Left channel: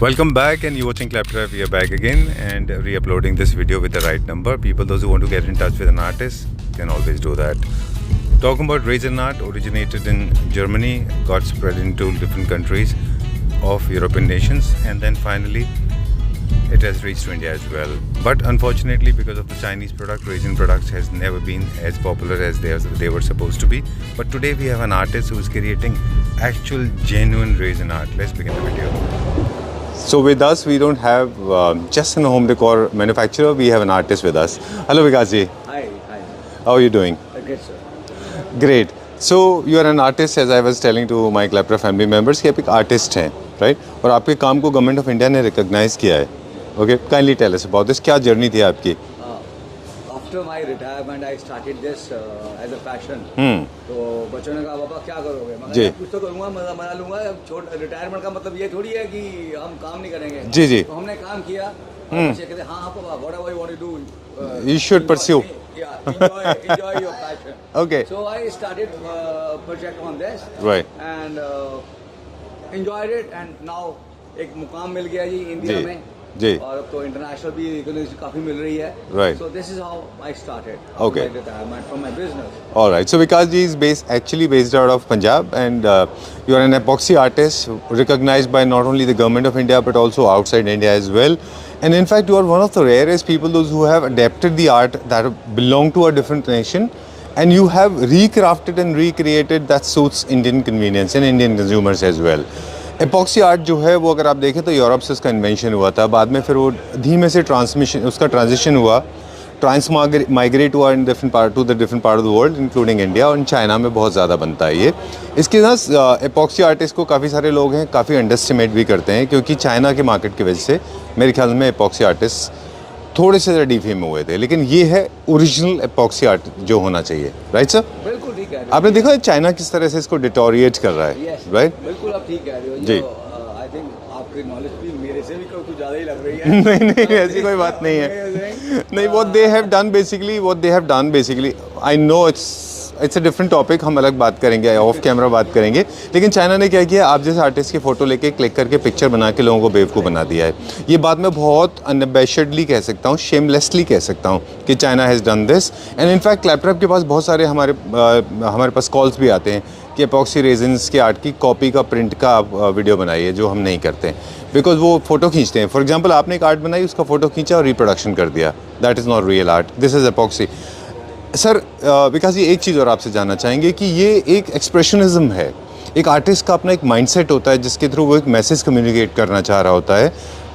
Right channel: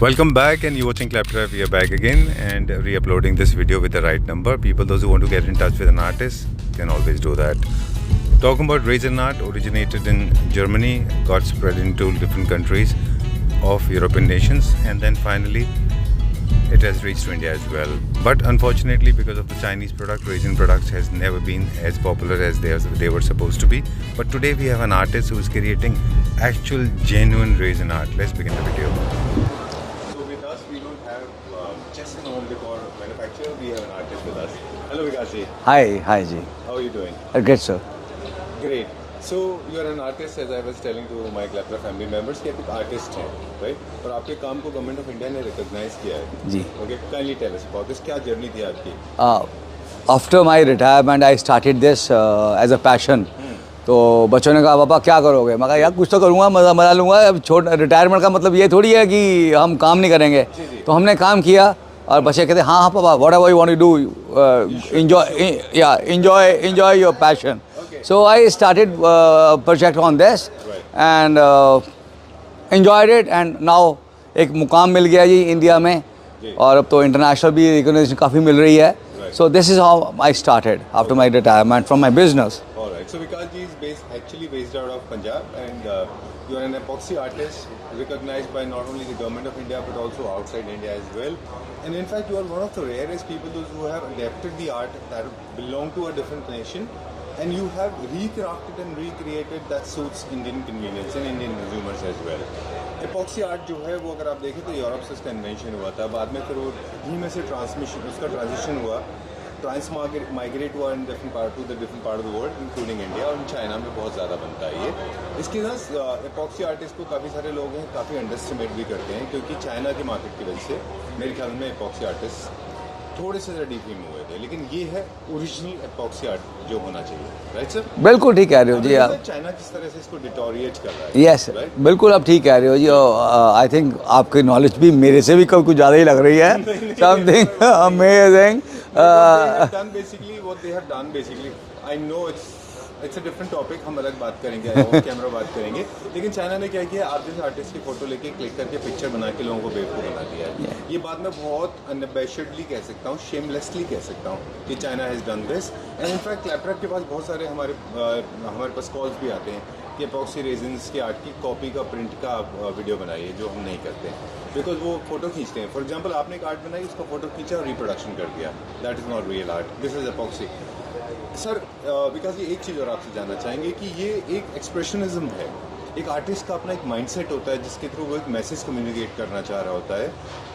Welcome back, and you're watching Claptrap. We are back again and re-uploading this video with the right number. People, those who want to get in touch with an artist can always do that. Talking about Raisin art, originated in Germany, got spread into different countries of European nations, and then finally it has reached to India as well. But unfortunately, because of the Chinese product, Raisin products has never been as popular as they were supposed to be. But today we have an artist who is creating actual genuine Raisin art. Let's begin the video. So with us, we don't have just a home decor manufacturer, we have an artist with us. Hello Vikas ji. Hi ji. How are you doing? Good sir. Great. So you are an artist, as I was telling to my Claptrap family members कि आप एक artist हैं, right? और आपके काम को government of India ने recognise किया है जी. Okay, kindly tell us about this. क्या जर्नी थी आपकी? After my retirement, I started this as a passion. तो बच्चों ने कहा पापा क्या करोगे? मैं कहा यार कुछ तो करूँगा, मजा लूँगा. अब रिटायरमेंट का मतलब ये थोड़ी है कि हम काम नहीं करेंगे. जी जी. तो हमने काम किया और बच्चे कहते हाँ पापा, whatever you want to do, you should pursue. enjoy your passion. Okay. So I started project on this. Right. And enjoyed it, and now एक मुकाम मिल गया जी इंडिया में. जी. और अब तो इंटरनेशनल भी रिकॉग्निशन काफ़ी मिल रही है. Right. So this is how I started after my retirement from my business. All right. So Vikas ji is actually based out of Punjab, and you are an epoxy artist recognized by not only the government of India but also outside India as well. And in fact, you are one of the rarest people, those who have adapted the art that belong to a different nation, and you have recrafted and recreated that suits Indian convenience and Indian consumers as well. Epoxy art जो है वो अगर आप देखें तो Europe से उसका invention हुआ था, बाद में फिर वो धीमे से उसका ट्रांजिशन हुआ, माइग्रेट हुआ in different part two the different part of the world including India, और चाइना में बहुत ज़्यादा बनता है ये. इसके साथ एपॉक्सी आर्टिस्ट को काफ़ी सारे लोग हैं काफ़ी अंडरस्टिमेट भी करते हैं, क्योंकि चाइना के मार्केट की वजह से मेरे ख्याल में एपॉक्सी आर्टिस्ट थोड़े से ज़्यादा डीफेम हुए थे, लेकिन ये है ओरिजिनल एपॉक्सी आर्ट जो होना चाहिए. Right sir? बिल्कुल ठीक कह रहे हो. आपने देखा चाइना किस तरह से इसको डिटोरिएट कर रहा है. यस राइट, बिल्कुल आप ठीक कह रहे हो जी. आई थिंक आपकी नॉलेज भी मेरे से भी कुछ ज़्यादा ही लग रही है. What they have done basically, I know it's a different topic, हम अलग बात करेंगे, ऑफ कैमरा बात करेंगे. लेकिन चाइना ने क्या किया, आप जैसे आर्टिस्ट की फ़ोटो लेके क्लिक करके पिक्चर बना के लोगों को बेवकूफ़ बना दिया है. ये बात मैं बहुत अनबैशडली कह सकता हूँ, शेमलेसली कह सकता हूँ कि China has done this. And in fact claptrap के पास बहुत सारे हमारे पास कॉल्स भी आते हैं कि एपॉक्सी रेजिन्स के आर्ट की कॉपी का, प्रिंट का आप वीडियो बनाइए, जो हम नहीं करते हैं बिकॉज वो फ़ोटो खींचते हैं. फॉर एग्जाम्पल आपने एक आर्ट बनाई, उसका फ़ोटो खींचा और रिप्रोडक्शन कर दिया. That is not real art, this is epoxy. Sir Vikas ji, एक चीज़ और आपसे जानना चाहेंगे कि ये एक एक्सप्रेशनिज्म है, एक आर्टिस्ट का अपना एक माइंडसेट होता है जिसके थ्रू वो एक मैसेज कम्युनिकेट करना चाह रहा होता है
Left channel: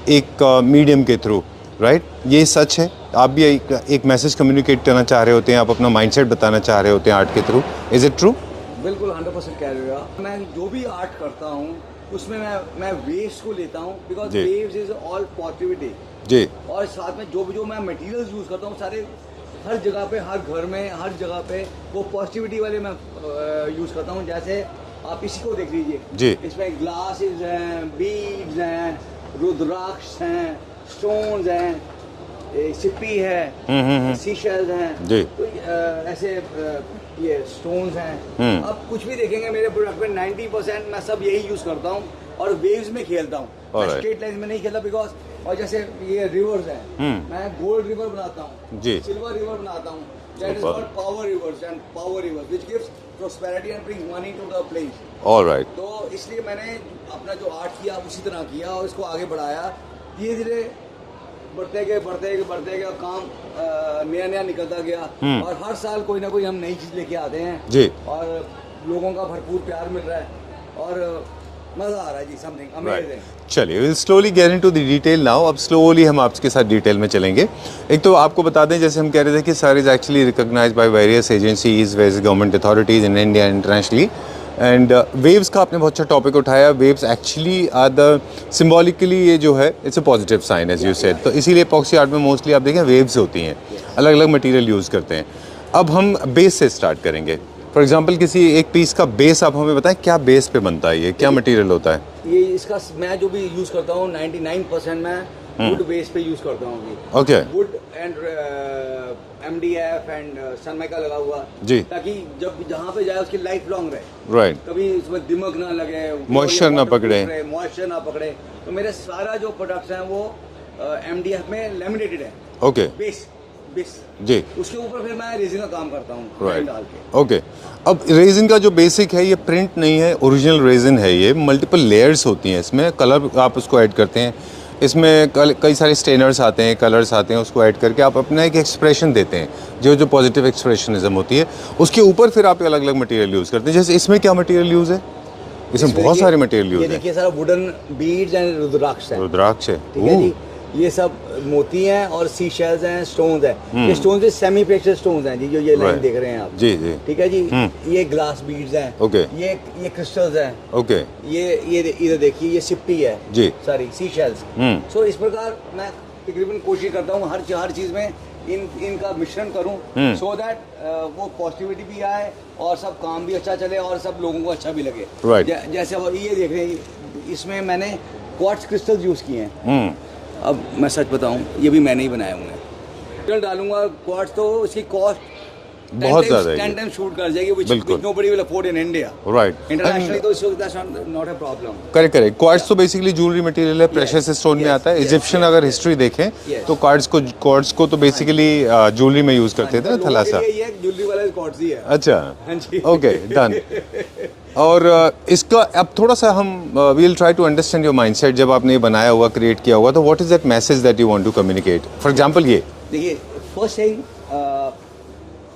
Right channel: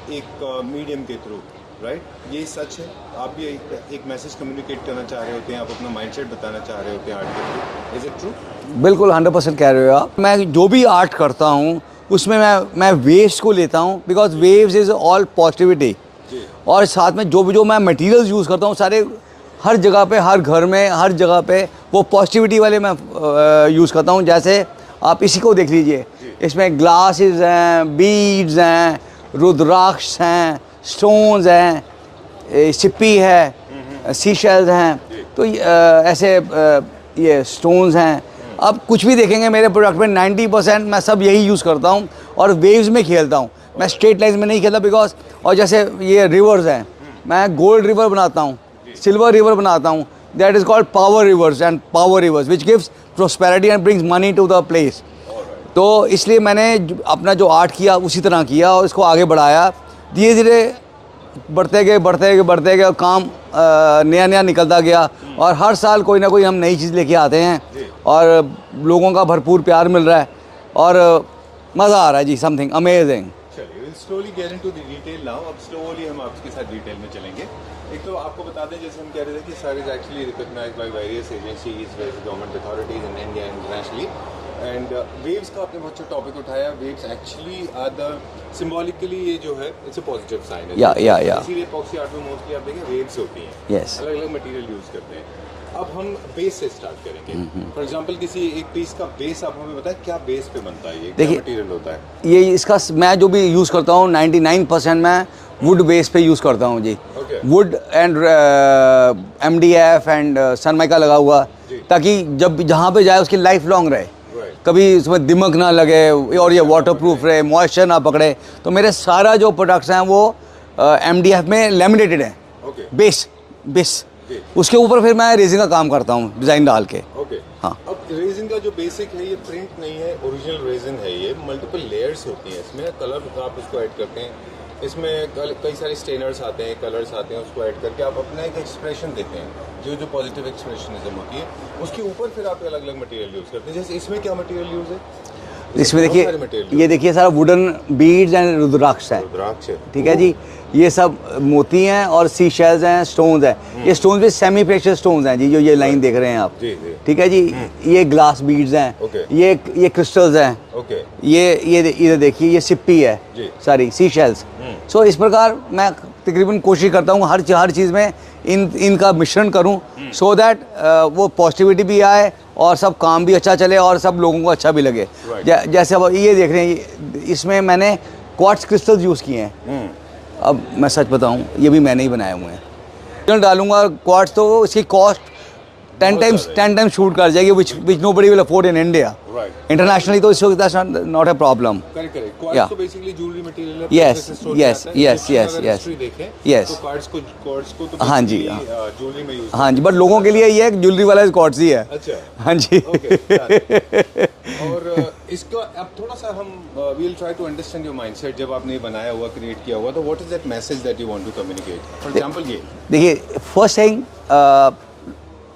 एक मीडियम के थ्रू. राइट? ये सच है, आप भी एक मैसेज कम्युनिकेट करना चाह रहे होते हैं, आप अपना माइंडसेट बताना चाह रहे होते हैं आर्ट के थ्रू. Is it true? बिल्कुल 100% कह रहे हो आप. मैं जो भी आर्ट करता हूँ उसमें मैं वेव्स को लेता हूँ, because waves is all positivity जी. और साथ में जो मैं मटेरियल्स यूज़ करता हूँ सारे, हर जगह पे, हर घर में, हर जगह पे वो पॉजिटिविटी वाले मैं यूज़ करता हूँ. जैसे आप इसी को देख लीजिए, इसमें ग्लासेस हैं, बीड्स हैं, रुद्राक्ष हैं, स्टोन्स हैं, सिप्पी है, सीशेल्स हैं. तो ऐसे ये स्टोन्स हैं. अब कुछ भी देखेंगे मेरे प्रोडक्ट में 90% मैं सब यही यूज़ करता हूँ और वेव्स में खेलता हूँ. मैं स्ट्रेट लाइन में नहीं खेलता बिकॉज, और जैसे ये रिवर्स हैं, मैं गोल्ड रिवर बनाता हूँ, सिल्वर रिवर बनाता हूँ. That is called power rivers and power rivers which gives prosperity and brings money to the place. Alright. तो इसलिए मैंने अपना जो आर्ट किया उसी तरह किया और इसको आगे बढ़ाया. धीरे धीरे बढ़ते गए और काम नया निकलता गया. और हर साल कोई ना कोई हम नई चीज़ लेके आते हैं और लोगों का भरपूर प्यार मिल रहा है और मज़ा आ रहा है जी. Something amazing. चलिए, will slowly get into the detail now. अब स्लोली हम आपके साथ डिटेल में चलेंगे. एक तो आपको बता दें, जैसे हम कह रहे थे कि sir is actually recognised by various agencies, various government authorities in India internationally. And waves का आपने बहुत अच्छा टॉपिक उठाया. Waves actually are the symbolically, ये जो है इट्स अ पॉजिटिव साइन है. तो इसीलिए एपॉक्सी आर्ट में मोस्टली आप देखें वेव्स होती हैं. अलग अलग मटीरियल यूज़ करते हैं. अब हम बेस से स्टार्ट करेंगे. फॉर एग्जांपल किसी एक पीस का बेस आप हमें बताएं, क्या बेस पे बनता है ये, क्या मटेरियल होता है? ये इसका मैं जो भी यूज़ करता हूँ 99% मैं वुड बेस पे यूज़ करता हूँ जी। Okay. Wood and MDF and Sunmica लगा हुआ जी। ताकि जब जहाँ पे जाए उसकी लाइफ लॉन्ग रहे, राइट। कभी उसमें दिमक ना लगे और ये Moisture ना वाटर पकड़े। प्रूफ रहे, मॉइस्चर ना पकड़े। तो मेरे सारा जो प्रोडक्ट्स हैं वो MDF में लेमिनेटेड है। ओके। बेस जी। उसके ऊपर फिर मैं रेजिन का काम करता हूँ डिज़ाइन डाल के। ओके। हाँ। अब रेजिन का जो बेसिक है ये प्रिंट नहीं है, ओरिजिनल रेजिन है ये। मल्टीपल लेयर्स होती हैं इसमें, कलर आप उसको ऐड करते हैं, इसमें कई सारे स्टेनर्स आते हैं, कलर्स आते हैं, उसको ऐड करके आप अपना एक एक्सप्रेशन देते हैं, जो पॉजिटिव एक्सप्रेशनिज्म होती है उसके ऊपर फिर आप अलग अलग मटेरियल यूज़ करते हैं। जैसे इसमें क्या मटेरियल यूज़ है? इसमें बहुत सारे मटेरियल। ये देखिए सारा वुडन बीड्स एंड रुद्राक्ष है। रुद्राक्ष है, ठीक है जी। ये सब मोती हैं और सी शेल्स हैं, स्टोन्स हैं। ये स्टोन्स भी सेमी प्रेशियस स्टोन्स हैं जी, जो ये लाइन देख रहे हैं आप। जी जी। ठीक है जी। ये ग्लास बीड्स हैं। ओके। ये क्रिस्टल्स हैं। ओके। ये इधर देखिए, ये सिप्पी है जी। सारी सी शेल्स। सो इस प्रकार मैं तकरीबन कोशिश करता हूँ हर चीज़ में इनका मिश्रण करूँ, सो दैट वो पॉजिटिविटी भी आए और सब काम भी अच्छा चले और सब लोगों को अच्छा भी लगे। जैसे अब ये देख रहे हैं, इसमें मैंने क्वार्ट्ज क्रिस्टल्स यूज़ किए हैं। अब मैं सच बताऊं, ये भी मैंने ही बनाए हुए हैं। डालूंगा क्वार्ट्ज तो इसकी कॉस्ट 10 टाइम्स शूट कर जाएगी, which nobody will afford in India. Right. Internationally तो इसको that's not a problem. Correct. Quartz तो बेसिकली ज्वेलरी मटेरियल है, प्रेशियस स्टोन में आता है। इजिप्शियन अगर हिस्ट्री देखें तो क्वार्ट्ज को तो बेसिकली ज्वेलरी में यूज करते थे। बट लोगों के लिए ये ज्वेलरी वाला क्वार्ट्ज ही है। अच्छा। हाँ जी। Okay, done. और इसका अब थोड़ा सा हम we will try to understand your mindset. जब आपने ये बनाया हुआ, क्रिएट किया हुआ, तो what is that message that you want to communicate? For example ये देखिए, फर्स्ट थिंग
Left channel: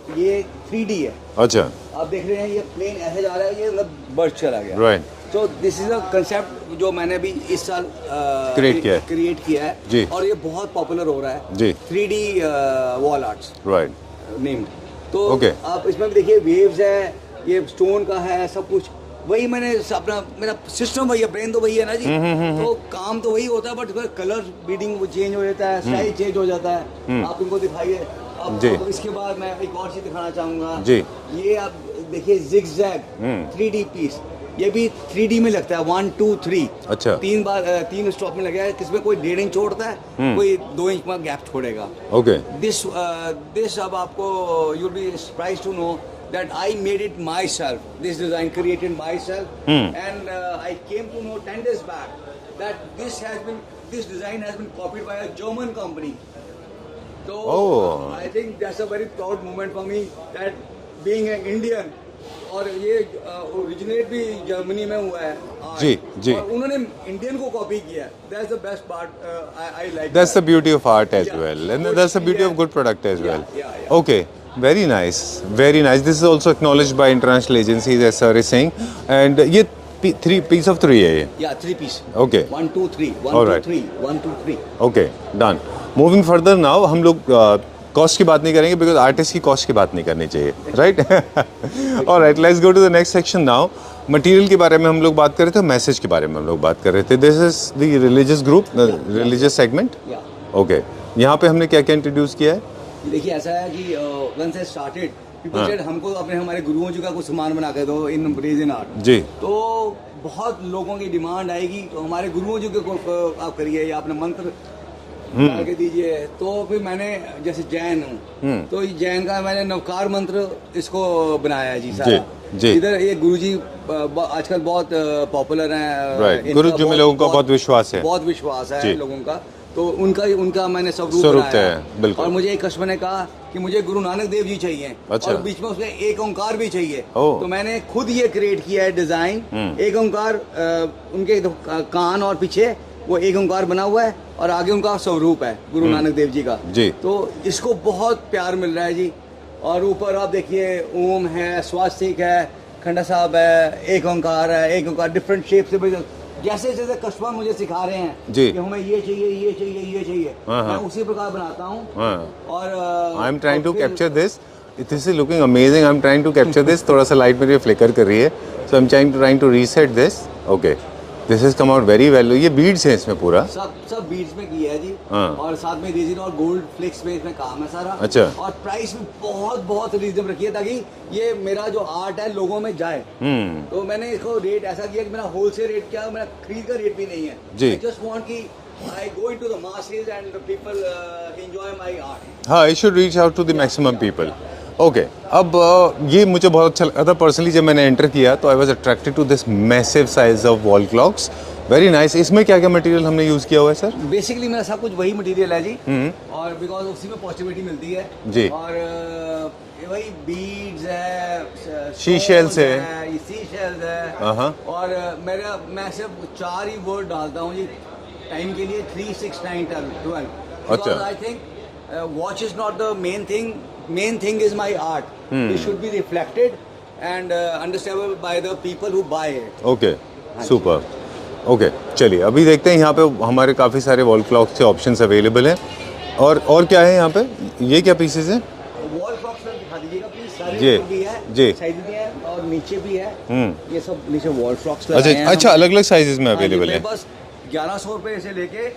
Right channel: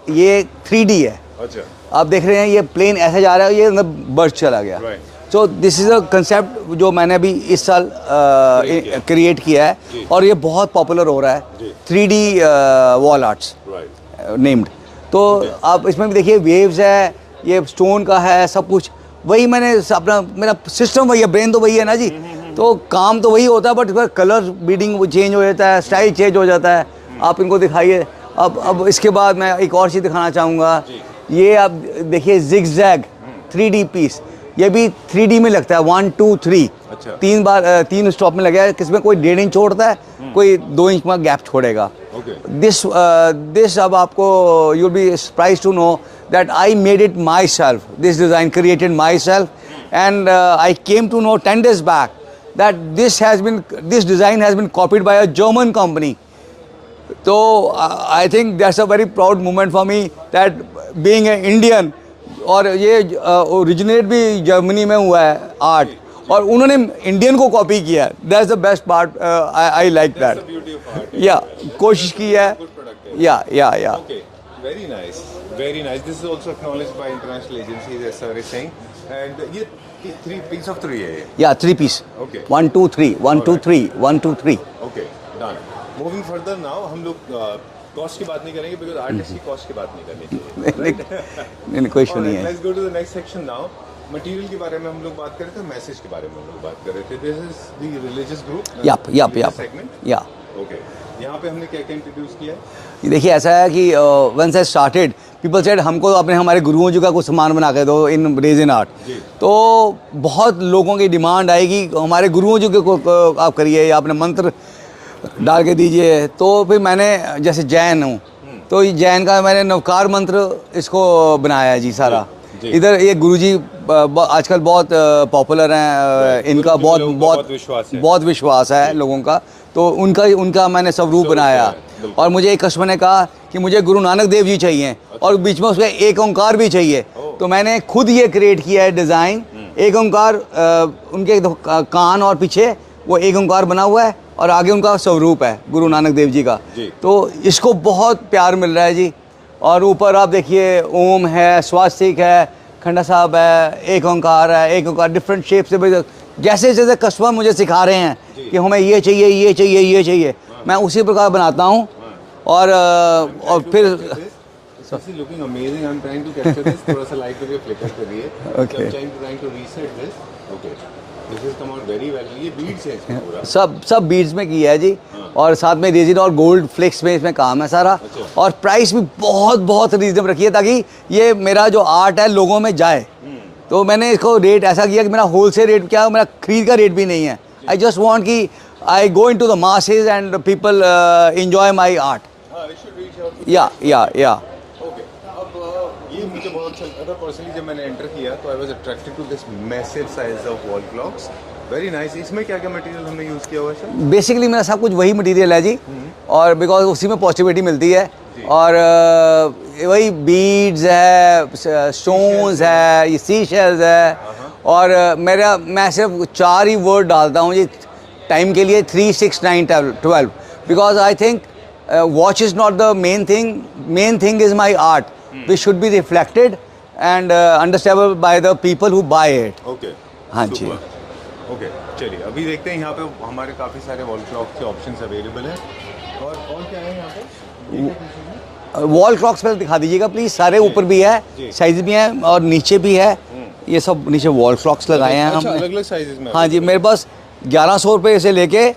ये 3D है। अच्छा। आप देख रहे हैं ये प्लेन ऐसे जा रहा है, ये अंदर बर्स्ट चला गया। राइट। तो दिस इज अ कंसेप्ट जो मैंने अभी इस साल क्रिएट किया है जी। और ये बहुत पॉपुलर हो रहा है जी। 3D wall arts right named. तो आप इसमें भी देखिए वेव्स है, ये स्टोन का है, सब कुछ वही मैंने अपना मेरा सिस्टम वही है, ब्रेन तो वही है ना जी। तो काम तो वही होता है, बट कलर बीडिंग चेंज हो जाता है, स्टाइल चेंज हो जाता है। आप इनको दिखाइए। अब इसके बाद मैं एक और चीज़ दिखाना चाहूँगा। ये आप देखिए जिगजैग 3D पीस, ये भी 3D में लगता है। 1 2 3 अच्छा। 3 बार 3 स्टॉप में लगा है। किसमें कोई 1.5 इंच छोड़ता है, कोई 2 इंच में गैप छोड़ेगा। ओके। दिस अब आपको you will be surprise to know that I made it myself. This design created myself, and I came to know 10 days back that this design has been copied by a German company. So I think that's a very proud moment for me that being an Indian, और ये originate भी Germany में हुआ है art, और उन्होंने Indian को copy किया। That's the best part. I like that's the beauty of art as well, कोशिश की है, गुड प्रोडक्ट एज वेल। या okay, very nice, very nice. This is also acknowledged by international agencies, as sir is saying. And ये 3 piece of 3 है ये? Yeah, 3 piece. Okay. 1 2 3 1 2 3 1 2 3. Okay, done. Moving further now, हम लोग cost की बात नहीं करेंगे, बिकॉज आर्टिस्ट की कॉस्ट की बात नहीं करनी चाहिए, right? Alright, let's go to the next section now. Material के बारे में हम लोग बात कर रहे थे, मैसेज के बारे में हम लोग बात कर रहे थे। This is the religious group, religious segment. या ओके, यहाँ पे हमने क्या क्या इंट्रोड्यूस किया है? देखिए ऐसा है कि once I started people said हमको अपने हमारे गुरुओं जी का कुछ सामान बना के दो इन रेजिन आर्ट जी। तो बहुत लोगों की डिमांड आएगी, हमारे गुरुओं जी को आप करिए या अपने मंत्र डाल के दीजिए। तो फिर मैंने जैसे जैन हूँ तो जैन का मैंने नवकार मंत्र इसको बनाया है जी सारा। इधर ये गुरुजी आजकल बहुत पॉपुलर हैं, इनका बहुत विश्वास है लोगों का। तो उनका मैंने स्वरूप बनाया है। और मुझे एक कस्टमर ने कहा कि मुझे गुरु नानक देव जी चाहिए। अच्छा। और बीच में उसका एक ओंकार भी चाहिए। तो मैंने खुद ये क्रिएट किया है डिज़ाइन। एक ओंकार, उनके कान और पीछे वो एक ओंकार बना हुआ है और आगे उनका स्वरूप है गुरु नानक देव जी का जी। तो इसको बहुत प्यार मिल रहा है जी। और ऊपर आप देखिए ओम है, स्वास्तिक है, खंडा साहब है, एक ओंकार है, एक ओंकार डिफरेंट शेप से। जैसे जैसे कस्टमर मुझे सिखा रहे हैं कि हमें ये चाहिए, ये चाहिए, ये चाहिए, मैं उसी प्रकार बनाता हूँ। और फिर this is looking amazing. I am trying to capture this. थोड़ा सा लाइट मेरी फ्लिकर कर रही है, so I am trying to reset this. Okay, this is come out very well. ये बीड्स है इसमें पूरा, सब बीड्स में किया है जी। और साथ में रेजिन और गोल्ड फ्लेक्स में इसमें काम है सारा। अच्छा। और प्राइस भी बहुत रीजनेबल रखी है ताकि ये मेरा जो आर्ट है लोगों में जाए। तो मैंने इसको रेट ऐसा किया कि मेरा होलसेल रेट क्या, मेरा खरीद का रेट भी नहीं है। जी। आई जस्ट वांट कि I go into the masses and people enjoy my art. हाँ, it should reach out to the Yeah, maximum yeah, people. yeah. Okay. अब ये मुझे बहुत अच्छा लगा था पर्सनली जब मैंने एंटर किया तो I was attracted to this massive size of wall clocks. Very nice. इसमें क्या क्या मटेरियल हमने यूज़ किया हुआ है सर? बेसिकली मेरा सब कुछ वही मटेरियल है जी, और बिकॉज उसी में पॉजिटिविटी मिलती है जी। और वही बीड्स है, स्टोन्स है, ये सी शेल्स है, और मैं सिर्फ 4 ही वर्ड डालता हूँ जी टाइम के लिए, 3, 6, 9, 12, because I think watch is not the main thing is my art, which should be reflected and understandable by the people who buy it. Okay, हाँ जी। सुपर। ओके, चलिए अभी देखते हैं यहाँ पे हमारे काफ़ी सारे वॉल क्लॉक्स के ऑप्शंस अवेलेबल हैं। और क्या है यहाँ पे? ये क्या पीसेस हैं? वॉल क्लॉक्स पहले दिखा दीजिएगा प्लीज। सारे जी, ऊपर भी है, जी। साइज भी है और नीचे भी है। ये सब नीचे वॉल क्लॉक्स लगाए हैं अच्छा, हमने। अलग अलग साइजेस में हाँ जी, available मेरे है। पास 1100 रुपये से लेके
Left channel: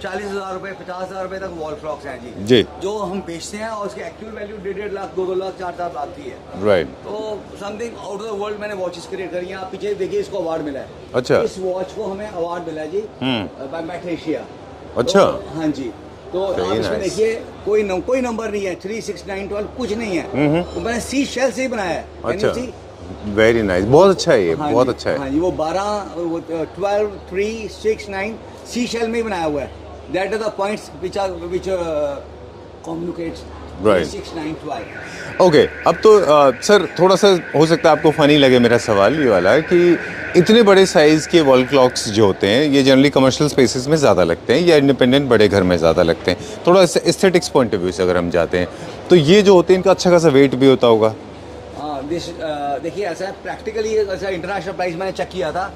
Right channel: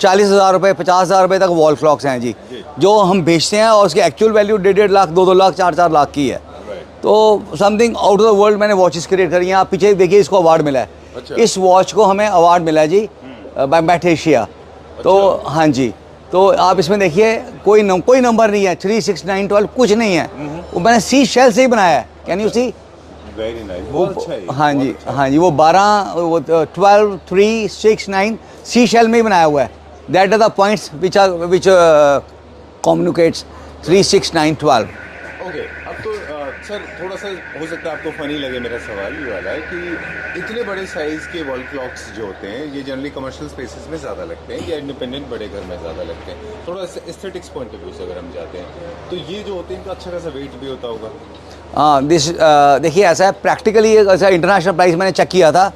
40,000 रुपये, 50,000 रुपये तक वॉल क्लॉक्स हैं जी, जो हम बेचते हैं, और उसकी एक्चुअल वैल्यू 1.5 लाख, 2 लाख, 4 लाख की है। राइट। तो something out of the world मैंने वॉचेस क्रिएट करी हैं। आप पीछे देखिए, इसको अवार्ड मिला है। अच्छा। इस वॉच को हमें अवार्ड मिला है जी बाय मैटेशिया। तो अच्छा। हाँ जी, तो आप इसमें देखिए कोई नंबर नहीं है, 3, 6, 9, 12 कुछ नहीं है। वो मैंने सी शेल से ही बनाया है। Can you see? Very nice, बहुत अच्छा है ये। हाँ बहुत जी, अच्छा है। हाँ जी, वो 12, वो 12, 3, 6, 9 सी शेल में ही बनाया हुआ है। That are the points which communicates 3, 6, 9, 12। Okay, अब तो सर थोड़ा सा हो सकता है आपको फनी लगे मेरा सवाल ये वाला कि इतने बड़े साइज़ के वॉल क्लॉक्स जो होते हैं ये जनरली कमर्शियल स्पेसेस में ज़्यादा लगते हैं या इंडिपेंडेंट बड़े घर में ज़्यादा लगते हैं। थोड़ा एस्थेटिक्स पॉइंट ऑफ व्यू से अगर हम जाते हैं तो ये जो होते हैं इनका अच्छा खासा वेट भी होता होगा। हाँ, देखिए ऐसा है, प्रैक्टिकली ऐसा इंटरनेशनल प्राइस मैंने चेक किया था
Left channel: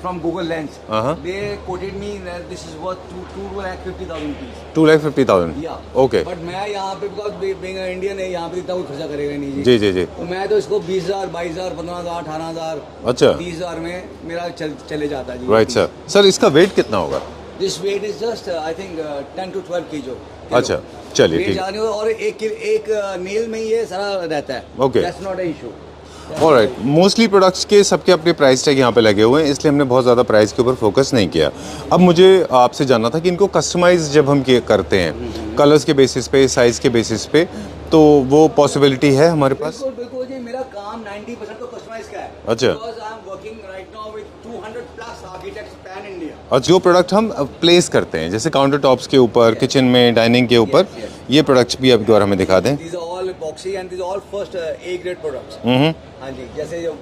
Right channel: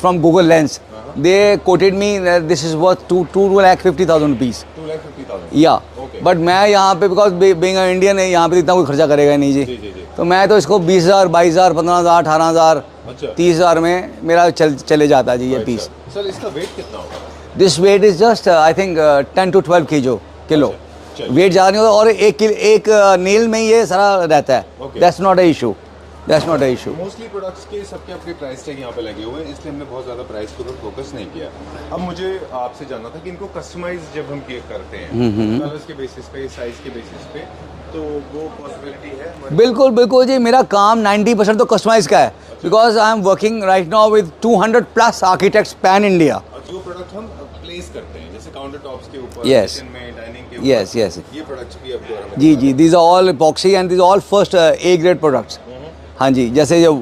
from Google lens. They coated me this is worth 2,50,000 rupees. 2,50,000 या ओके। बट मैं यहाँ पे बिकॉज बीइंग इंडियन है, यहाँ पे इतना कोई खर्चा करेगा नहीं जी। जी जी जी। तो मैं तो इसको 20,000, 22,000, 15,000, 18,000, अच्छा, 30,000 में मेरा चले जाता है जी। Right sir. सर इसका वेट कितना होगा? This weight is just I think 10 to 12 kilo. अच्छा, चलिए वेट ठीक। ज़्यादा नहीं होता, और एक नेल में ये सारा रहता है। Okay. That's not a issue, that's not a issue. Mostly products के सबके अपने प्राइस टैग यहाँ पे लगे हुए हैं, इसलिए हमने बहुत ज़्यादा प्राइस के ऊपर फोकस नहीं किया। अब मुझे आपसे जानना था कि इनको कस्टमाइज जब हम करते हैं कलर्स के बेसिस पे, साइज के बेसिस पे, तो वो पॉसिबिलिटी है हमारे पास? बिल्कुल बिल्कुल जी, मेरा काम 90% तो कस्टमाइज का है। अच्छा। Because I am working right now with 200+ architects pan India. और जो प्रोडक्ट हम प्लेस करते हैं जैसे काउंटर टॉप्स के ऊपर, Yes. किचन में, डाइनिंग के ऊपर, Yes, yes. ये प्रोडक्ट्स भी आप एक बार हमें दिखा दें। These are all epoxy and these all first A grade products. हाँ जी, जैसे जो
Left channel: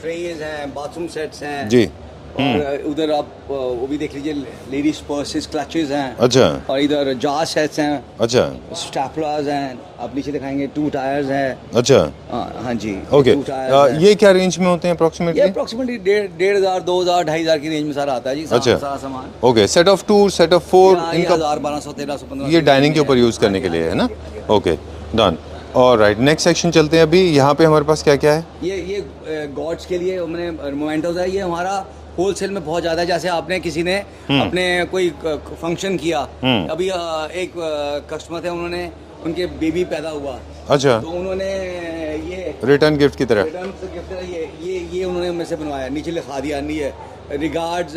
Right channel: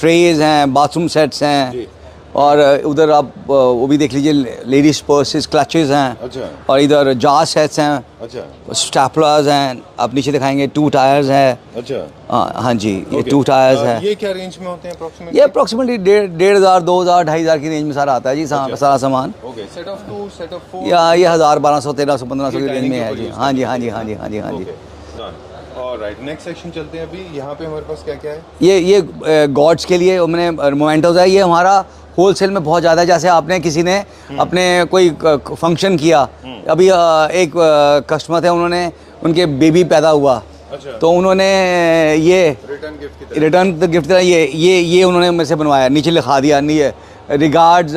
ट्रेज हैं, बाथरूम सेट्स हैं जी। और उधर आप वो भी देख लीजिए, लेडीज पर्सेस, क्लचेस हैं। अच्छा और इधर जार सेट्स हैं, अच्छा स्टैपलर्स हैं, आप नीचे दिखाएंगे 2 टायर्स हैं। अच्छा। हाँ जी, ओके। 2 टायर्स हैं। ये क्या रेंज में होते हैं ये अप्रोक्सीमेटली? अप्रोक्सीमेटली 1,500, 2,000, 2,500 की रेंज में सारा आता है जी। अच्छा। सारा सामान। Okay, set of 2, set of 4, या ये 1,000, 1,200, 1,300, 1,500 ये डाइनिंग के ऊपर यूज करने के लिए है ना? Okay, done. और राइट, नेक्स्ट सेक्शन चलते हैं। अभी यहाँ पे हमारे पास क्या क्या है? ये गॉड्स के लिए मैंने मोमेंटोज है। ये हमारा होलसेल में बहुत ज़्यादा, जैसे आपने किसी ने अपने कोई फंक्शन किया, अभी एक कस्टमर थे, उन्होंने उनके बेबी पैदा हुआ। अच्छा। तो उन्होंने ये रिटर्न गिफ्ट की तरह? रिटर्न गिफ्ट की तरह ये उन्होंने मेरे से बनवाया, नीचे लिखा दिया, नहीं रिगार्ड्स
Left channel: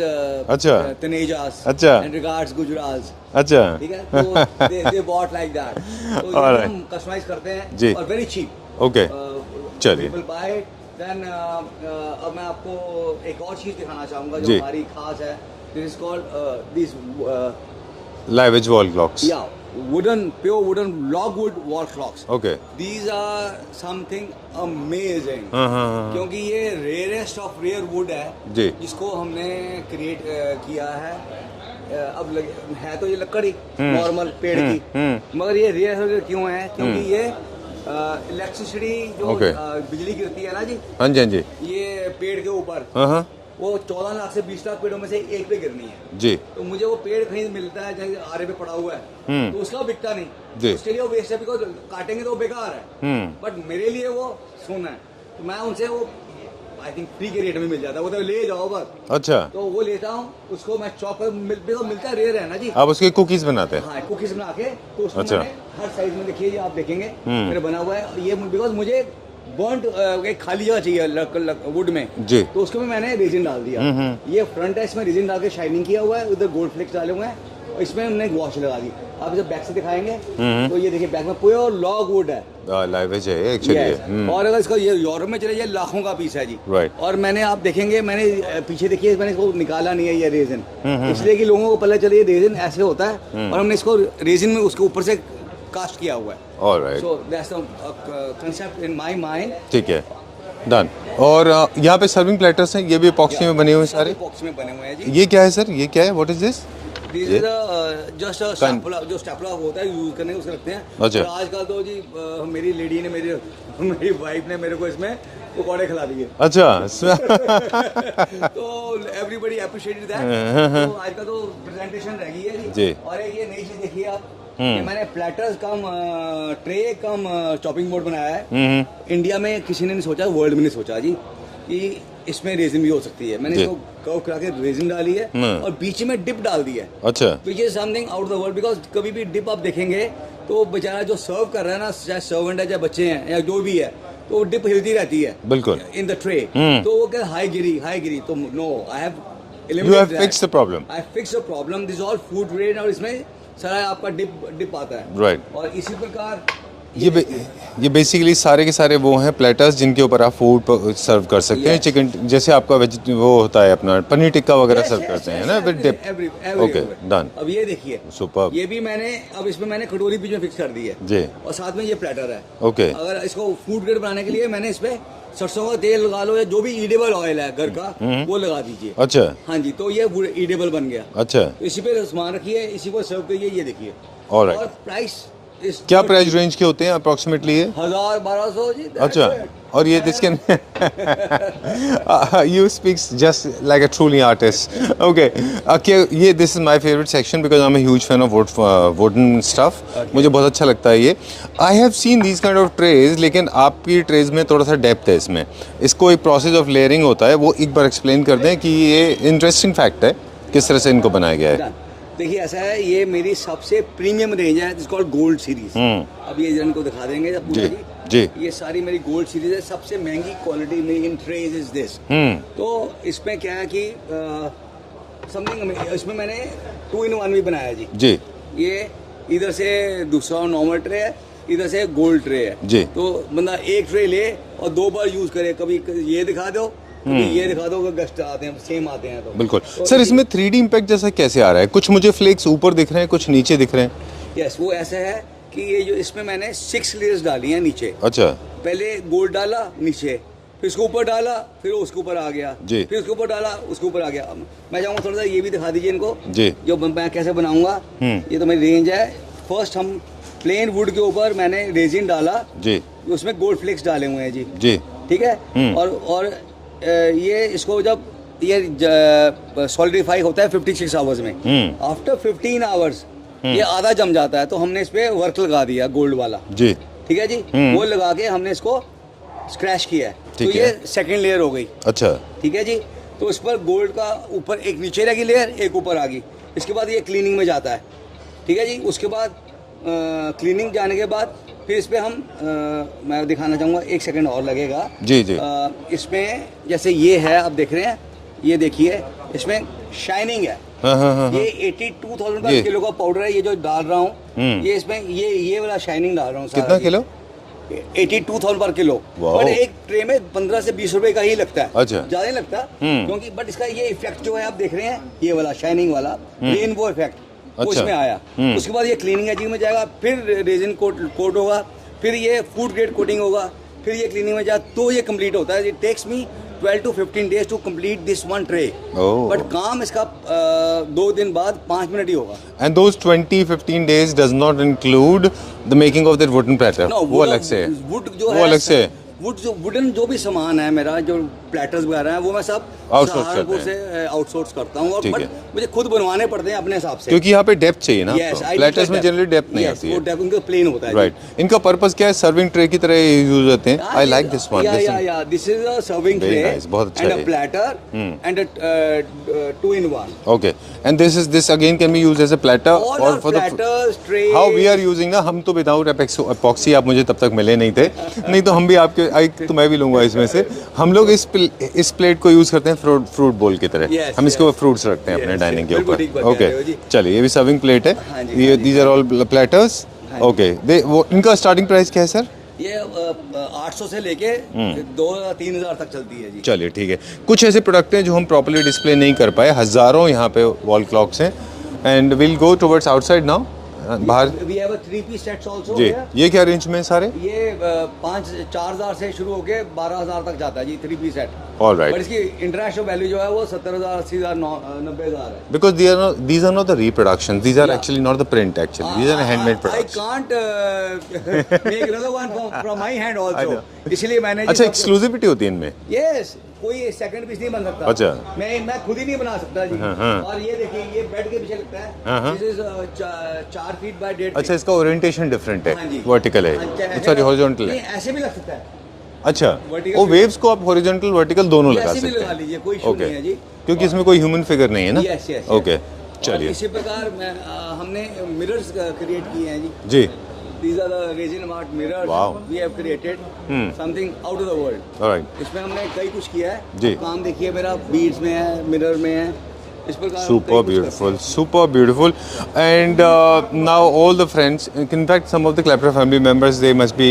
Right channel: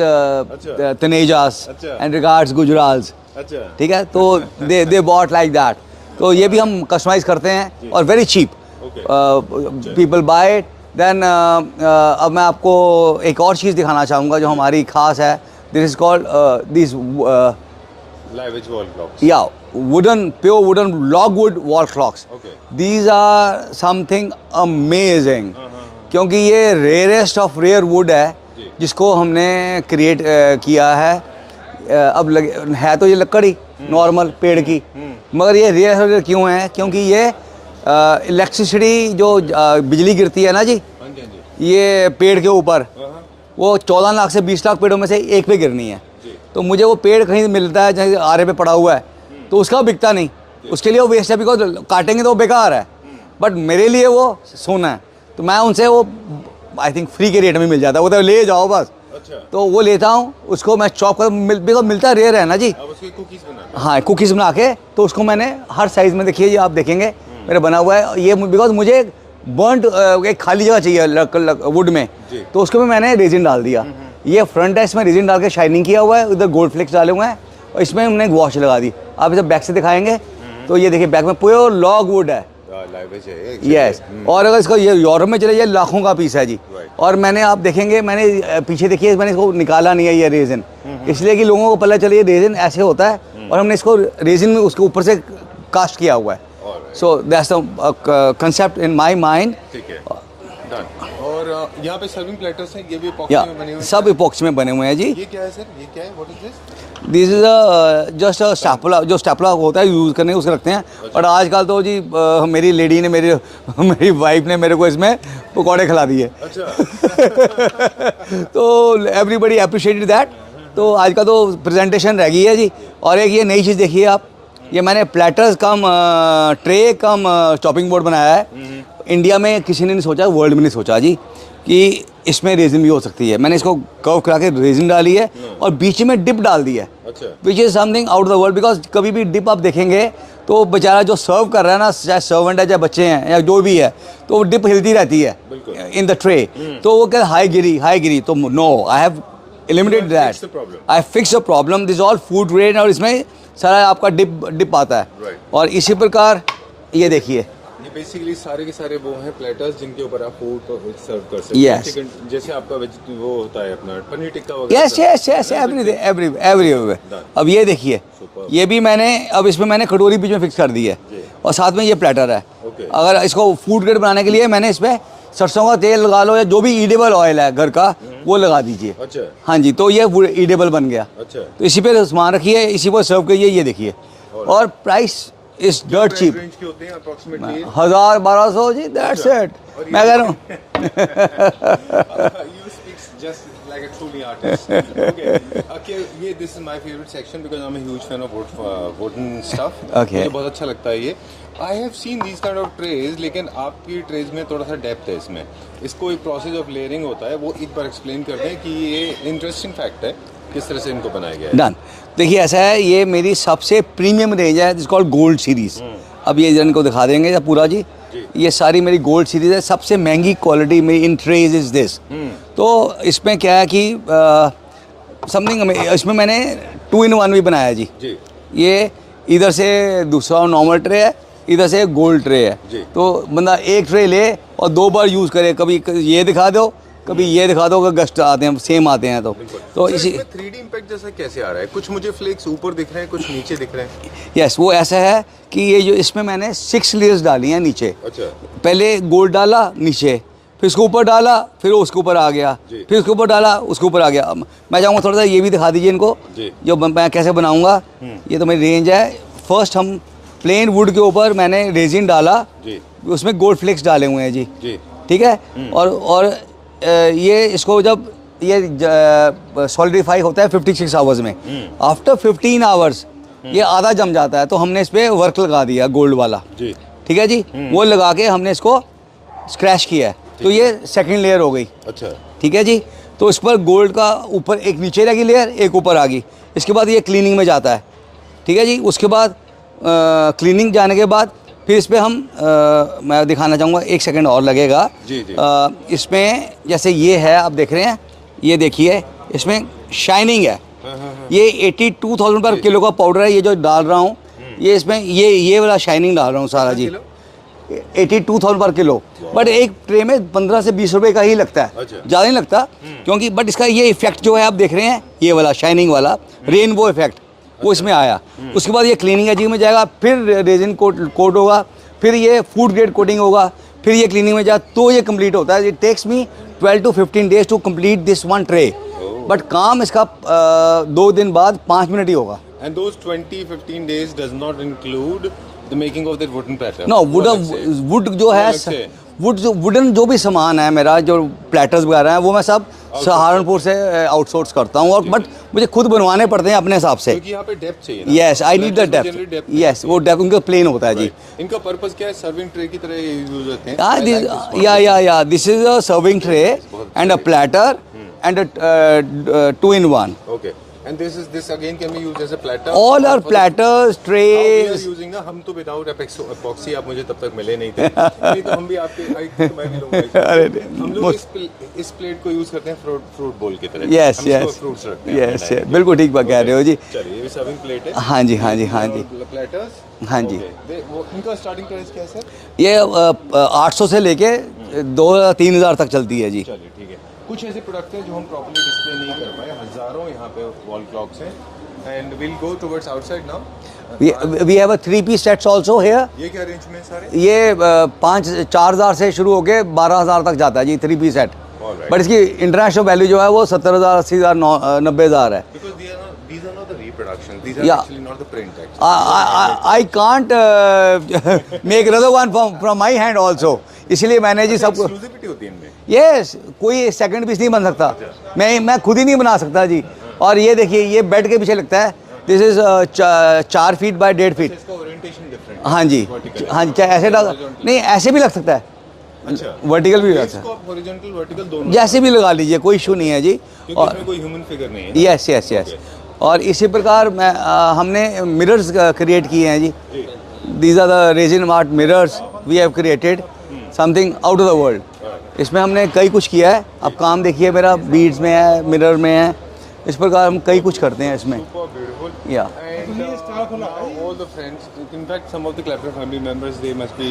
अच्छा। तनेजास अच्छा। And regards Gujrals. अच्छा, ठीक है, तो दे बॉट लाइक दैट। तो ये भी हम कस्टमाइज करते जी। हैं और very cheap. Okay, people buy it. Then अब मैं आपको एक और चीज़ दिखाना चाहूँगा जो जी। हमारी खास है। This is called this live edge wall clocks. या pure wooden logwood wall clocks. Okay. These are something amazing, क्योंकि ये रेयरेस्ट ऑफ रेयर वुड है जी। जिसको हमने क्रिएट किया है। अब है तो ये लकड़ी नॉर्मल पेड़ की, मगर ये रेयर क्यों है? क्योंकि ये इलेक्ट्रिसिटी जो बिजली गिरती है ना जी, हाँ जी हाँ जी ये पेड़ के ऊपर, वो 14 लाख से 20 लाख पेड़ों में से एक पे गिरनी है जी। तो मुझे वो पेड़ कहीं मिलता है जहाँ आरे पे पड़ा हुआ है, तो उसका बिकता नहीं, उसके लिए वो वेस्ट है, बिकॉज काटेंगे तो वो बेकार है। बट मेरे लिए वो सोना है, तो मैं उनसे वो आई थिंक फ्री के रेट में मिल जाता है, वो तो ले जाओ बस। अच्छा, तो वो लेता हूँ, उसको मैं चॉप कर मिलता रेयर है ना जी। आप उसके कुकीज बनाते हैं? हाँ, कुकीज़ बना के, तो उसको अच्छा। मैंने हर साइज़ में, देखिए ये आप देखेंगे मेरा बना हुआ है ये, बिकॉज मुझे बर्नड एक खाली जगह चाहिए वुड में जी। तो उसके में मैंने रेजिन डाल दिया। ये फ्रंट है, इसमें रेजिन डाल के शाइनिंग किया हुआ है, उधर गोल्ड फ्लेक्स डाले हुए हैं और इसमें हमने वॉश लगा दी। आप इसे बैक से दिखाएंगे तो ये देखिए बैक में प्योर लॉग वुड है। यस, और अगर इसको ये यूरोप में चले जाए लाखों का पीस है जी। Right. और मैंने आप देखेंगे मैंने पीछे देखिए मैंने इसको निकाला नहीं है ये रेजिन, इसलिए कि लोगों को पता चले ये रेजिन ऐसे होता है और हमने इसको रेजिन में उसके ऊपर से कास्ट किया हुआ है। So that's the concept in my mind. ठीक है, डन। और यहाँ पे सर्विंग प्लेटर्स हैं, ये भी इपॉक्सी में बने हुए हैं? सब इपॉक्सी में बने हुए हैं जी। ये क्या है सर, ये क्या है, what is this? This is just a stapler, जो स्टैपला होता है यूज करने उसके रखते हैं। अच्छा। और आजकल तो जी मेरी लेडी ने मेरी वाइफ ने मेरे को इसमें पकौड़े खिला दिए। अच्छा। तो एवरीबडी अप्रिशिएटेड दैट। तो आजकल तो प्रेजेंटेशन रह गई है जी। जी। और एक ये नई चीज़ देखिए आप, ये मैंने प्लेटर्स कम ट्रे कम चॉपिंग बोर्ड बनाया है। इंडिया में किसी ने नहीं सोचा, वर्ल्ड में नहीं सोचा जी कि इसमें रेजिन भी हो सकती है। मैंने इसको कर्व करा के रेजिन डाली है और बीच में डिप डाल दी है। अच्छा। Which is something out of the world, because कभी भी डिप आप देखेंगे तो बेचारा जो सर्व कर रहा है ना, चाहे सर्वेंट है चाहे बच्चे हैं या जो भी है, तो वो डिप हिलती रहती है बिल्कुल इन द ट्रे। तो वो क्या हाई गिरी तो no, I have eliminated that. Fix the problem. I fix the problem. This is all food grade और इसमें सारा आपका डिप आता है। Right. और इसी प्रकार ये देखिए, ये बेसिकली सारे के सारे वो हैं प्लेटर्स जिनके ऊपर आप फूड सर्व कर सकते हैं। Yes. चिकन जैसे आपका वो होता है अपना पनीर टिक्का वगैरह yes, सर्व yes, करते हैं yes, ना, with dip. everywhere. Okay, done. अब ये देखिए, Superb. ये भी मैंने अब इसमें मैंने कटोरी बीच में फिक्स कर दी है जी। और साथ में ये प्लेटर है। Okay. अगर इसको फूड ग्रेड बनाने के लिए मैंने इस पे सरसों का तेल लगा लो या जो भी ईडेबल ऑयल है घर का वो लगा दीजिए। अच्छा। हाँ जी, तो ये ईडेबल बन गया। अच्छा। तो इसी पे सामान रखिए, इसी पर सर्व करिए। ये देखिए, Alright. और प्राइस इस क्या प्राइस रेंज के होते हैं अप्रोक्सीमेटली? 1000-1200 जी, that's अच्छा। it. और ये मैं कह रहा हूँ। you speak just like a truly artist. Okay. Okay, ये this is my favorite section because I'm a huge fan of wooden stuff. Okay. मुझे बहुत अच्छा लगता है ये। I have seen these kind of trays, लेकिन आपकी ट्रेज में थोड़ा सा डेप्थ है इसमें। इसको एक प्रोसेस ऑफ लेयरिंग होता है, वो एक बार एक्सप्लेन कर दें कि ये इंटरेस्टिंग फैक्ट है किस तरह से इनको बनाया गया है। डन। देखिए ऐसा है, ये मेरी सबसे प्रीमियम रेंज है जिसको गोल्ड सीरीज। अब ये इनको दिखा देंगे जब पूरा जी। ये सारी मेरी गोल्ड सीरीज है। सबसे महंगी क्वालिटी में इन ट्रेज इज दिस। तो इसमें क्या है कि समथिंग इसमें मैंने 2-in-1 भी बनाया जी। जी। ये इधर से दूसरा नॉर्मल ट्रे है, इधर से गोल्ड ट्रे है जी। तो बंदा एक ट्रे ले और 2 बार यूज करे, कभी ये दिखा दो कभी ये दिखा दो, अगर गेस्ट आते हैं सेम आते हैं तो बिल्कुल। तो सर इसमें 3D इम्पैक्ट जैसा कैसे आ रहा है? कुछ मुझे फ्लेक्स ऊपर दिख रहे हैं, कुछ नीचे दिख रहे हैं। यस, वो ऐसा है कि ये जो इसमें मैंने 6 लेयर्स डाली हैं नीचे। अच्छा। पहले गोल्ड डाला नीचे, फिर उसके ऊपर डाला, फिर उसके ऊपर आ गया, जी। फिर उसके ऊपर डाला, उसके ऊपर आ गया। मैं चाहूँगा थोड़ा सा ये भी दिखा दीजिए इनको जी। जो मैं कैसे बनाऊंगा। ये तो मेरी रेंज है। फर्स्ट हम प्लेन वुड के ऊपर मैंने रेजिन डाला जी, उसमें गोल्ड फ्लेक्स डाले हुए हैं जी। जी ठीक है। और ये इसको जब ये सॉलिडिफाई होता है 56 आवर्स में, आफ्टर 15 आवर्स ये आधा जम जाता है, तो हमने इस पे वर्क लगा दिया गोल्ड वाला जी। ठीक है जी। वो लगा के हमने इसको स्क्रैच किया है, तो ये सेकंड लेयर हो गई। अच्छा ठीक है जी। तो इस पर गोल्ड का ऊपर एक नीचे लगी लेयर, एक ऊपर आ गई। इसके बाद ये क्लीनिंग में जाता है। ठीक है जी। उसके बाद क्लीनिंग जाने के बाद फिर इस पर हम मैं दिखाना चाहूँगा, 1 सेकंड और लगेगा जी जी। इसमें जैसे ये है, आप देख रहे हैं, ये देखिए इसमें शाइनिंग है। ये 82,000 रुपये किलो का पाउडर है, ये जो डाल रहा हूँ ये इसमें ये वाला शाइनिंग डाल रहा हूँ सारा जी। 82,000 पर किलो, बट एक ट्रे में 15 से 20 रुपए का ही लगता है। अच्छा। ज़्यादा नहीं लगता क्योंकि, बट इसका ये इफेक्ट जो है आप देख रहे हैं, ये वाला शाइनिंग वाला रेनबो इफेक्ट वो इसमें आया। उसके बाद ये क्लीनिंग एजिंग में जाएगा, फिर रेजिन कोट होगा, फिर ये फूड ग्रेड कोटिंग होगा, फिर ये क्लीनिंग में जाए तो ये कंप्लीट होता है। It takes me 12 to 15 days to complete this one tray. But काम इसका 2 दिन बाद 5 मिनट ही होगा। And those 20-15 days does not include the making of that wooden platter? No, wood जो है, वुडन जो भी सामान है मेरा, जो प्लेटर्स वगैरह है, वो मैं सब सहारनपुर से आउटसोर्स करता हूँ, और ठीक बट है। मुझे खुद बनवाने पड़ते हैं अपने हिसाब से। क्योंकि यहाँ पे डेप्थ चाहिए ना। Yes, I need the generally depth नहीं यस, वो डेप्थ उनका प्लेन होता है जी। राइट। इनका पर्पस क्या है? सर्विंग ट्रे की तरह यूज होते हैं। I like this one. या this is a serving tray nice, बहुत अच्छा एंड अ है। Platter and a 2-in-1 okay, and this again can be used as a platter. All are platters, tray. How we are using ना, हम तो without epoxy, आप मुझे तब तक मिले नहीं थे। नहीं तो हम भी आपके, तो मैं भी लूंगा इसमें से। हम लोग इस प्लेट को यूज करते हैं फ्रूट बोल की तरह। Yes, हम इसको yes. फ्रूट्स रखते हैं Yes, अपने डाइनिंग yes. के बिल्कुल ऊपर। ठीक बात कह रहे हो जी। चलिए, ये भी सर्विंग प्लेट है। हाँ जी, हाँ जी, दीज हाँ आर जी। All platters. हाँ जी। ओके, वो इनका स्टार्टिंग प्राइस क्या है सर? ये 800 से लेके 2-3 हज़ार तक चलती है जी। चलिए ठीक है। कुछ ऐसे प्रोडक्ट हैं जो हम प्रॉपर्ली डिस्प्ले नहीं कर पाए, हजारों यहाँ पे वॉल क्लॉक्स हैं, and will go towards outside now. We have a 3-piece sets also here. ये क्या रेंज में सारे? ये 4,000 से शुरू होके 12,000 तक जाता है जी, 3-piece set. All right. But इसकी इंटरनेशनल वैल्यू जो है वो 70,000, 80,000, 90,000 है। Because these are not the reproductions. These are Yeah. actually not the print. Actually, these are handmade I products. can't make another one from my hand also. इसलिए मैंने जी अच्छा, सब exclusivity होती है इनमें। यस, कोई सेकंड पीस नहीं बन सकता। अच्छा। मैं खुद ही नहीं बना सकता जी। और ये देखिए, ये बेड के पीछे लगता है। This is 4 feet by 1.5 feet. अच्छा, इसका ओरिएंटेशन डिफरेंट है। हाँ जी, वर्टिकल है। हाँ जी, क्या ऐसे हॉरिजॉन्टल नहीं, ऐसे भी लग सकता है। अच्छा, vertical भी वेव्स लगा को आप हॉरिजॉन्टल वर्टिकल दोनों जैसे भी लगा लीजिए, कोई इशू नहीं है जी। क्योंकि इसमें कोई ह्यूमन फिगर नहीं है ना। Yes yes okay. और इसी प्रकार हमने मिरर्स क्रिएट किए हैं जी। जी। These are the resin art mirrors Wow. we have created something out of the world. Alright. इसमें हमने कई कुछ किया है। जी। अब काम देखिए, मेरा बीड्स में है, मिरर में है, इस प्रकार हम कई कुछ करते हैं इसमें। Super beautiful. Yeah. And now all the friends, in fact, some of the Clapper family members, they must be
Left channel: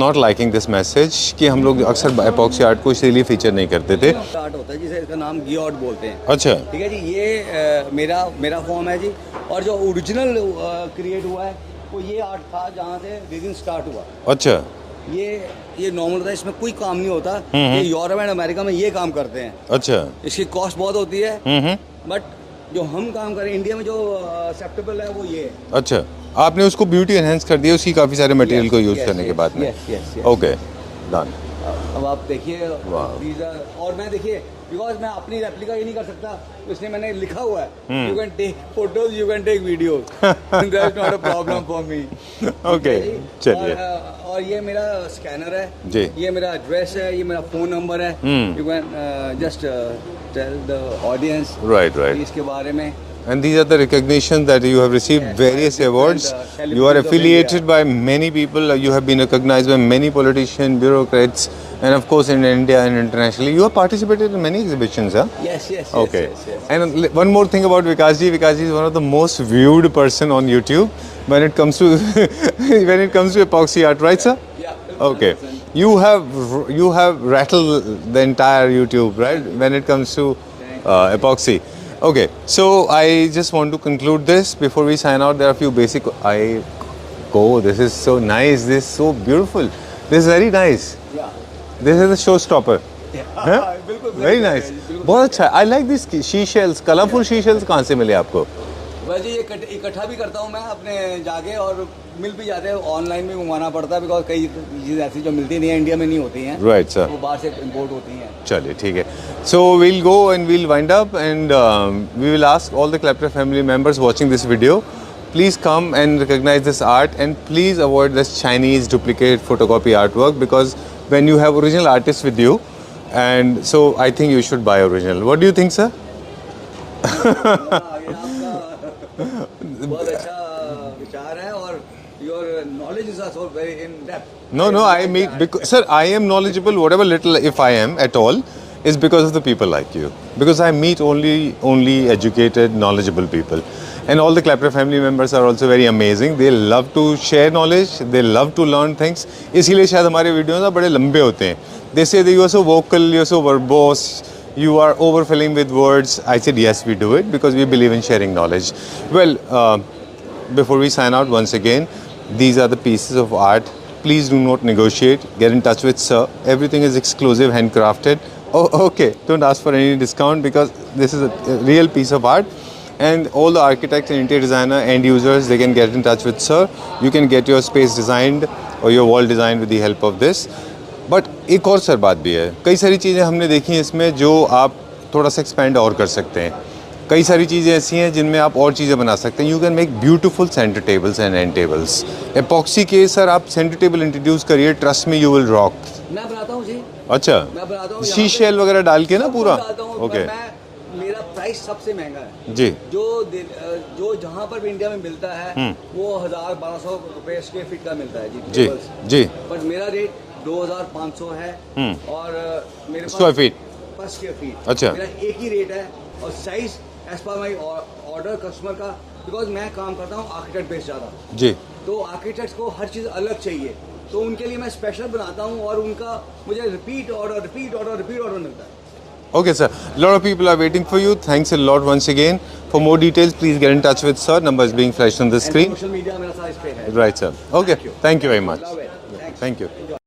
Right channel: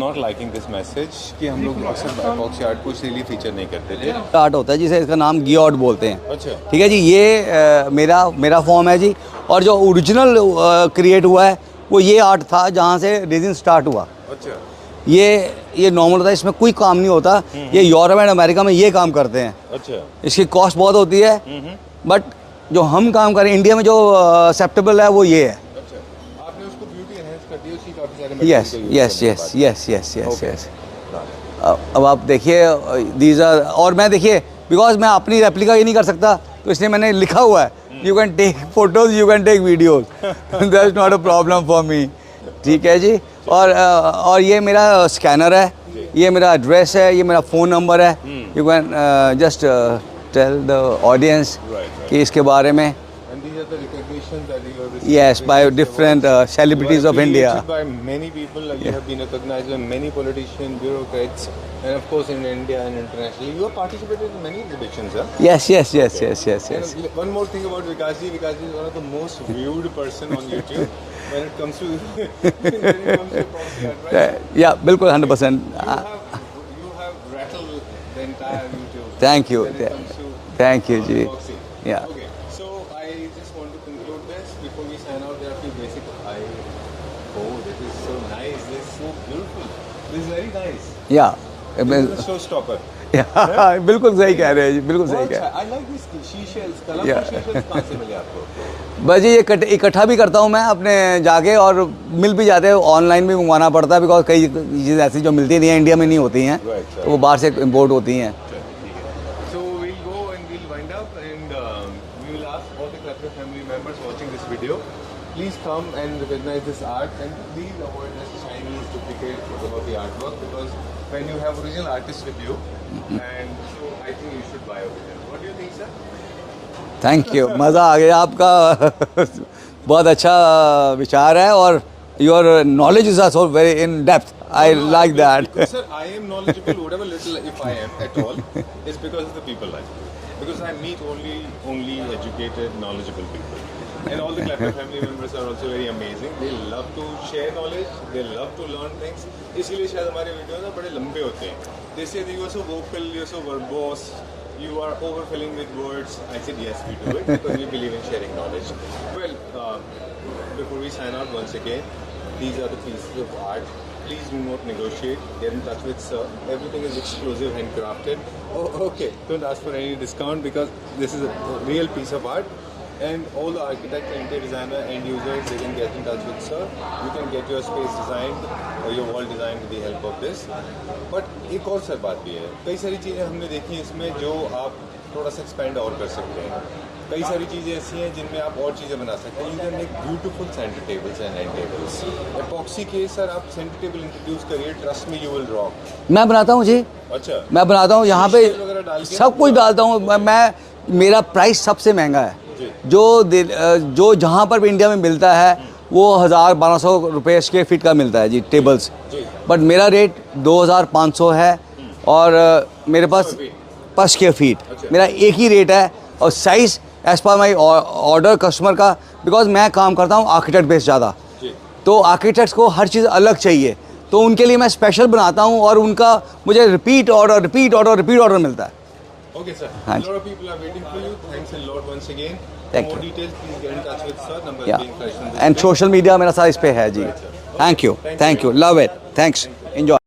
not liking this message कि हम लोग अक्सर एपॉक्सी आर्ट को इसीलिए फीचर नहीं करते थे। आर्ट होता है जिसे, इसका नाम गियोट बोलते हैं। अच्छा। ठीक है जी, ये मेरा फॉर्म है जी। और जो ओरिजिनल क्रिएट हुआ है वो ये आर्ट था जहाँ से रेजिन स्टार्ट हुआ। अच्छा। ये नॉर्मल होता है, इसमें कोई काम नहीं होता। ये यूरोप एंड अमेरिका में ये काम करते हैं। अच्छा। इसकी कॉस्ट बहुत होती है, बट जो हम काम करें इंडिया में जो एक्सेप्टेबल है वो ये है। अच्छा, आपने उसको ब्यूटी एनहेंस कर दिया उसकी काफी सारे मटेरियल को यूज करने के बाद। Yes yes yes. Okay, done. अब आप देखिए, दीज आर, और मैं देखिए, बिकॉज मैं अपनी रेप्लिका ही नहीं कर सकता, तो इसलिए मैंने लिखा हुआ है, you can take photos, you can take videos, that's not a problem for me. ठीक है जी। और ये मेरा स्कैनर है जी। ये मेरा एड्रेस है, ये मेरा फ़ोन नंबर है। You can just tell the audience Right. इसके बारे में। And these are the recognitions that you have received. Yes, by various different, awards. celebrities You are of affiliated India. by many people. You have been recognized by many politicians, bureaucrats, and of course in India and internationally. You have participated in many exhibitions, huh? Yes. And one more thing about Vikas ji. Vikas ji is one of the most viewed person on YouTube when it comes to epoxy art, right, sir? Yeah, बिल्कुल, Okay. 100%. You have rattled the entire YouTube, right? Thank you. When it comes to Thank you, ji. epoxy. Yeah. Okay, so I just want to conclude this before we sign out. There are a few basic. This is so nice. This is so beautiful. This is very nice. Yeah. This is a showstopper. बिल्कुल सही Very कह रहे हैं nice. जी, बिल्कुल बहुत सही अच्छा। I like this seashells. Colorful Yeah. seashells कहाँ से मिले आपको? बस ये इकट्ठा भी करता हूँ मैं अपने जाके, और मिल भी जाते हैं, ऑनलाइन भी मंगवाना पड़ता है, बिकॉज कई चीज़ें ऐसी जो मिलती नहीं है इंडिया में नहीं होती हैं। Right, sir. वो बाहर से इम्पोर्ट होती हैं। चलिए ठीक है। So we'll go and we'll wind up, and we will ask all the Clapper family members watching this video, please come and recognize this art, and please avoid this Chinese duplicate photocopy artwork, because when you have original artists with you, and so I think you should buy original. What do you think, sir? Thank you, मज़ा आ गया आपका। बहुत अच्छा विचार है, और your knowledge is also very in depth. No, I mean, because, sir, I am knowledgeable, whatever little, if I am at all, is because of the people like you. Because I meet only educated, knowledgeable people. And all the Clapper family members are also very amazing. They love to share knowledge, they love to learn things. इसीलिए शायद हमारे videos ना बड़े लंबे होते हैं. They say that you are so vocal, you are so verbose, you are overfilling with words. I said yes, we do it because we believe in sharing knowledge. Well, before we sign out once again, these are the pieces of art. Please do not negotiate. Get in touch with sir. Everything is exclusive, handcrafted. Oh, okay. Don't ask for any discount because this is a real piece of art. And all the architects and interior designer end users, they can get in touch with sir. You can get your space designed or your wall designed with the help of this. But एक और sir बात भी है, कई सारी चीज़ें हमने देखी हैं इसमें जो आप थोड़ा सा एक्सपेंड और कर सकते हैं। कई सारी चीज़ें ऐसी हैं जिनमें आप और चीज़ें बना सकते हैं। You can make beautiful centre tables and and tables. Epoxy के सर आप सेंटर टेबल इंट्रोड्यूस करिए, trust me you will rock. मैं बनाता हूँ जी, अच्छा, मैं बनाता हूँ यहाँ पे सीशेल वगैरह डाल के ना सब कुछ पूरा? डालता हूँ। Okay. मैं मेरा प्राइस सबसे महंगा है जी। जो जहाँ पर भी इंडिया में मिलता है वो 1000-1200 रुपये स्क्वायर फीट का मिलता है जी टेबल्स जी। बट मेरा रेट 2500 है और मेरे पास स्क्वायर फीट पर स्क्वायर फीट अच्छा। मेरा एक ही रेट है और size as per my order customer का, बिकॉज मैं काम करता हूँ आर्किटेक्ट बेस्ड ज़्यादा जी। तो आर्किटेक्ट्स को हर चीज़ अलग चाहिए तो उनके लिए मैं स्पेशल बनाता हूँ और उनका मुझे रिपीट ऑर्डर मिलता है। Okay, sir. A lot of people are waiting for you. Thanks a lot once again. For more details, please get in touch with sir. Number is being flashed on the and screen. Social media मेरा सारा इस पे है जी। Right, sir. Okay. Thank you. Thank you very much. Love it. Thanks. Thank you. Enjoy.